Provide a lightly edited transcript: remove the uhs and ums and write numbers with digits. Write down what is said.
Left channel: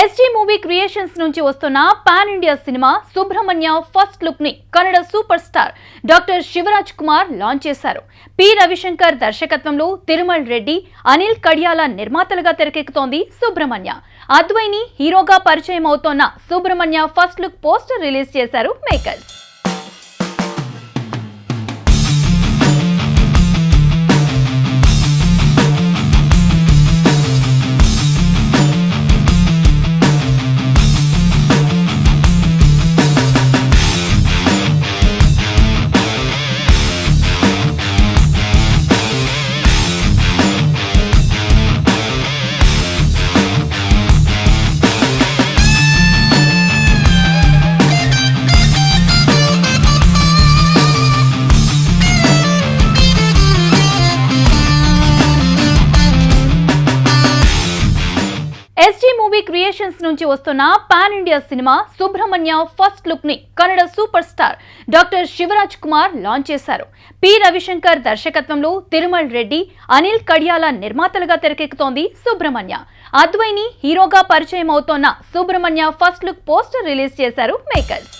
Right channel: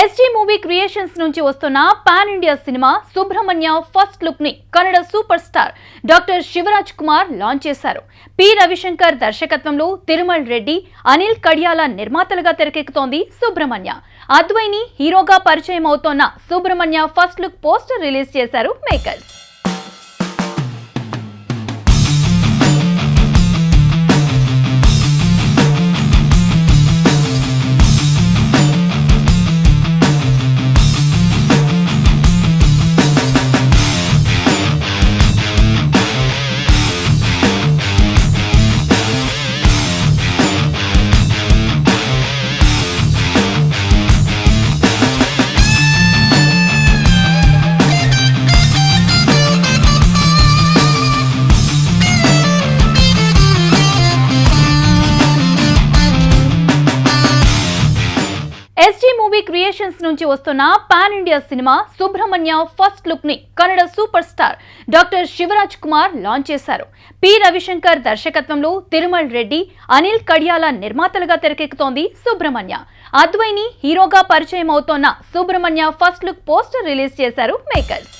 SG movie creations నుంచి వస్తున్న pan India సినిమా సుబ్రహ్మణ్య ఫస్ట్ లుక్ ని Kannada super star doctor Shivaraj Kumar launch చేశారు. పి రవిశంకర్ దర్శకత్వంలో తిరుమల్ రెడ్డి, అనిల్ కడియాల నిర్మాతలుగా తెరకెక్కుతోంది సుబ్రహ్మణ్య. అద్వైని హీరోగా పరిచయం అవుతోన్న Subrahmanya first look poster release చేశారు మేకర్స్. ఎస్జీ మూవీ క్రియేషన్స్ నుంచి వస్తున్న పాన్ ఇండియా సినిమా సుబ్రహ్మణ్య ఫస్ట్ లుక్ ని Kannada super star doctor Shivaraj Kumar launch చేశారు. పి రవిశంకర్ దర్శకత్వంలో తిరుమల్ రెడ్డి, అనిల్ కడియాల నిర్మాతలుగా తెరకెక్కుతోంది సుబ్రహ్మణ్య. అద్వైని హీరోగా పరిచయం అవుతోన్న Subrahmanya first look poster release చేశారు మేకర్స్.